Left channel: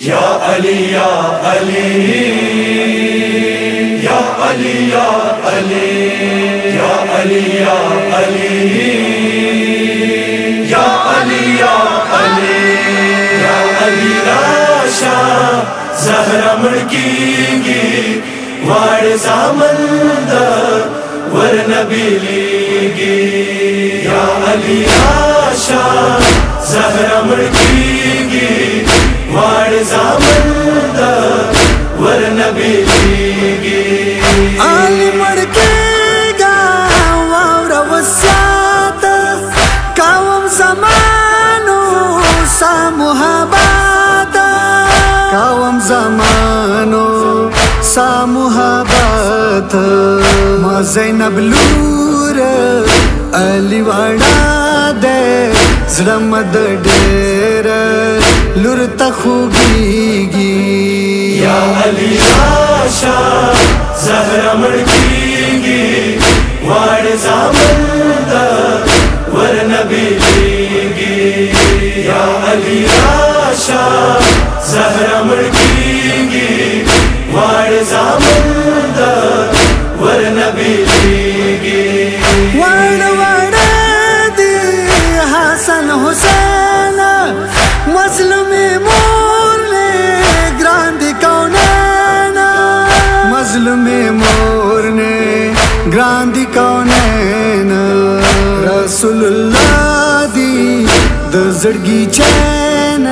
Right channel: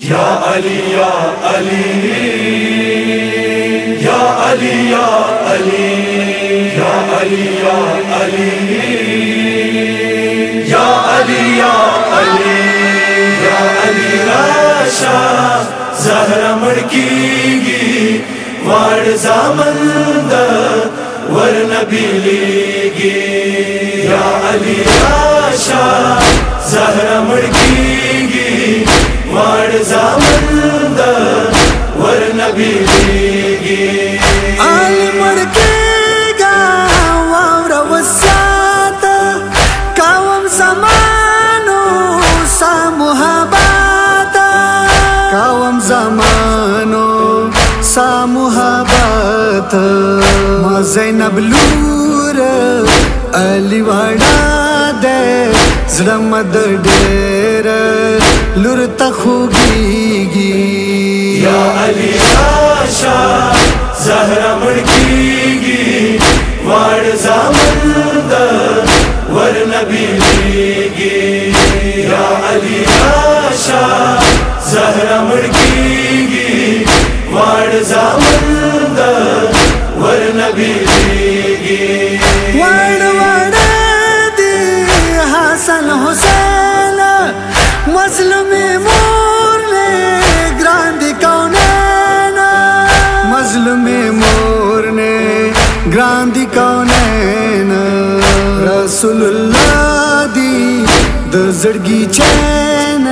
या अली या अली या अली या अली या अली या अली या अली या अली या अली राशा ज़हरा मड़कीगी वाड़ ज़ामंद वर नबीलीगी या अली राशा ज़हरा मड़कीगी वाड़ ज़ामंद वर नबीलीगी आली मड़केगा वावर वस्यात कावम ज़मानो सा मुहाबात कावम ज़मानो सा मुहाबात माँ ज़ैनब लूर अली वाड़ा दे ज़रमद डेर लूर तखुगीगी या अली आशा ज़हरा मड़कीगी वाड़ ज़ामंद वर नबीलीगी या अली आशा ज़हरा मड़कीगी वाड़ ज़ामंद वर नबीलीगी वाड़ वाड़ दी हसन हुसैन मज़लुमे मोरने ग्रांदी कौनैन मज़लुमे मोरने ग्रांदी कौनैन रसूलुल्लाह दी दज़ड़गी चैन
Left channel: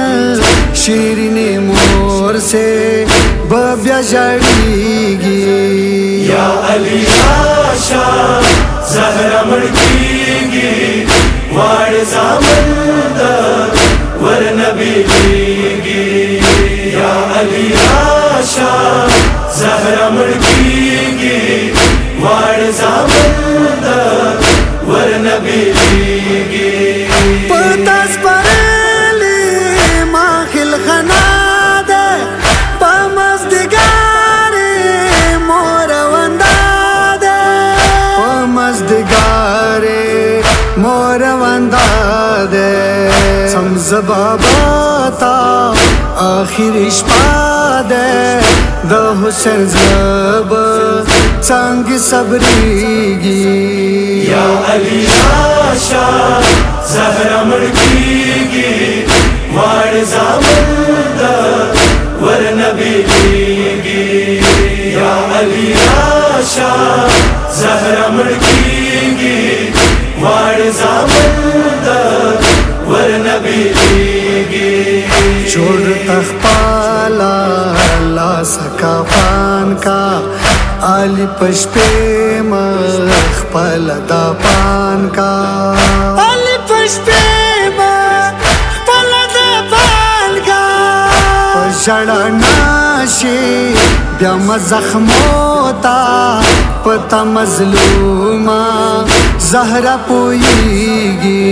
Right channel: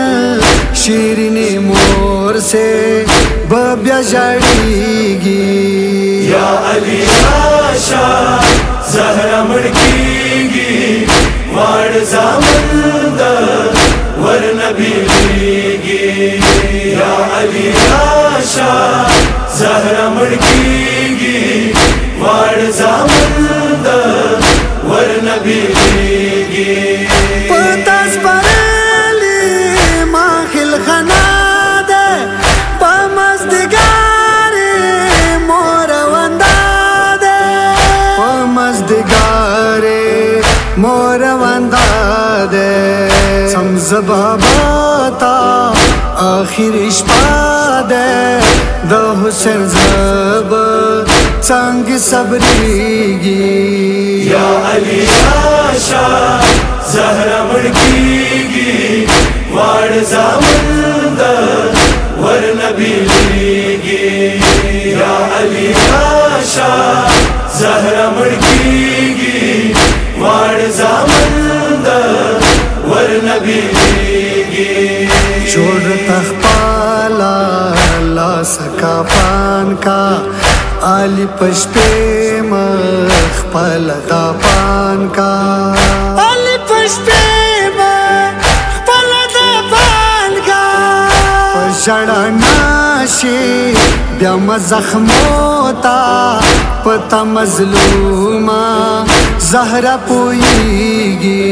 शीरीने मोर से बब्या जड़ीगी या अली आशा ज़हरा मड़कीगी वाड़ ज़ामंद वर नबीलीगी या अली आशा ज़हरा मड़कीगी वाड़ ज़ामंद वर नबीलीगी पतास परेली माखिल खनादे पमज़दिगारे मोर वंदादे पमज़दिगारे मोर वंदादे समझ बाबाता आखिर इश्पादे द हुसैन ज़ब संग सबरीगी या अली आशा ज़हरा मड़कीगी वाड़ ज़ामंद वर नबीलीगी या अली आशा ज़हरा मड़कीगी वाड़ ज़ामंद वर नबीलीगी छोड़ तख्पाला ला सका पान का आली पशपे मखपल दा पान का आली पशपे मखपल दा पान का पजड़ा नाशे ब्याम जख्मोता पता मजलूमा ज़हरा पोईगी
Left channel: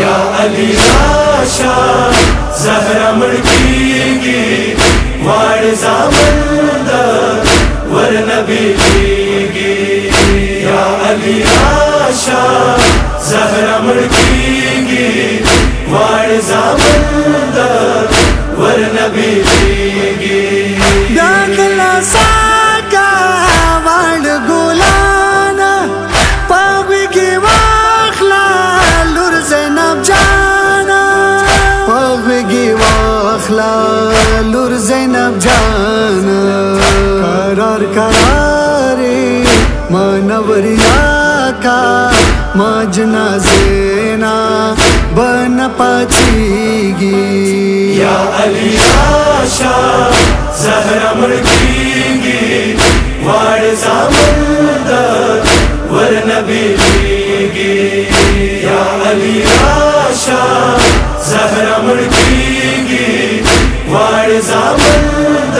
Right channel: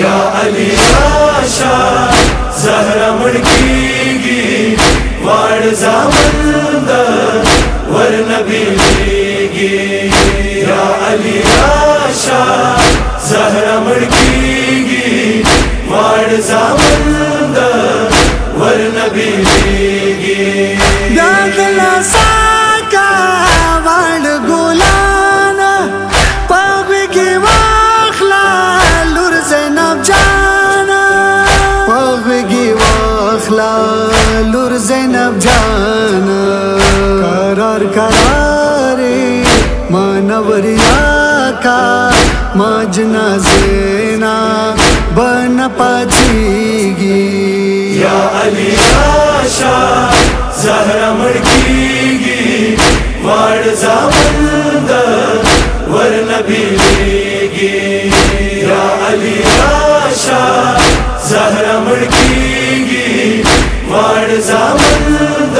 या अली आशा ज़हरा मड़कीगी वाड़ ज़ामंद वर नबीलीगी या अली आशा ज़हरा मड़कीगी वाड़ ज़ामंद वर नबीलीगी ब्यागला साका वाड़ गुलाना पगवी वाखला लूर ज़ैनब जाना पगवी वाखला लूर ज़ैनब जाना करार करारे मानवरिया का माजना ज़ेना बन पाचीगी या अली आशा ज़हरा मड़कीगी वाड़ ज़ामंद वर नबीलीगी या अली आशा ज़हरा मड़कीगी वाड़ ज़ामंद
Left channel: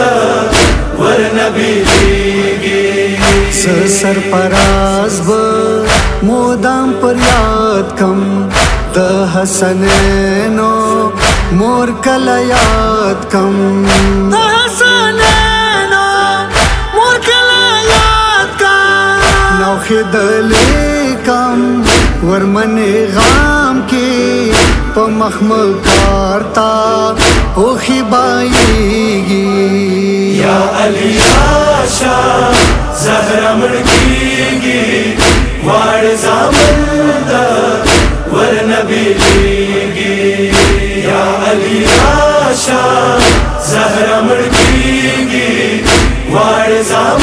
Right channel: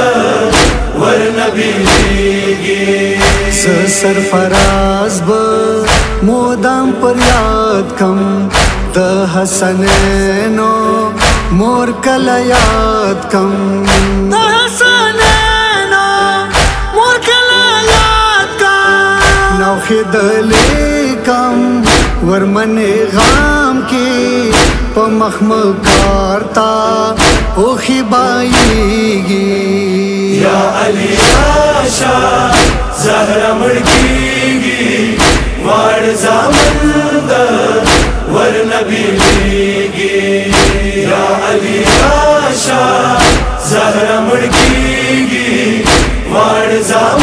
वर नबीलीगी सरफराज ब मोदाम पर याद कम द हसनैनो मोर कल याद कम द हसनैनो मोर कल याद कम नौखे दले कम वरमने गाम के په مخمکار تا اوخی باییگی یا علی آشا زهرا مڑکیگی وار زامن دا ورنبیگی یا علی آشا زهرا مڑکیگی وار زامن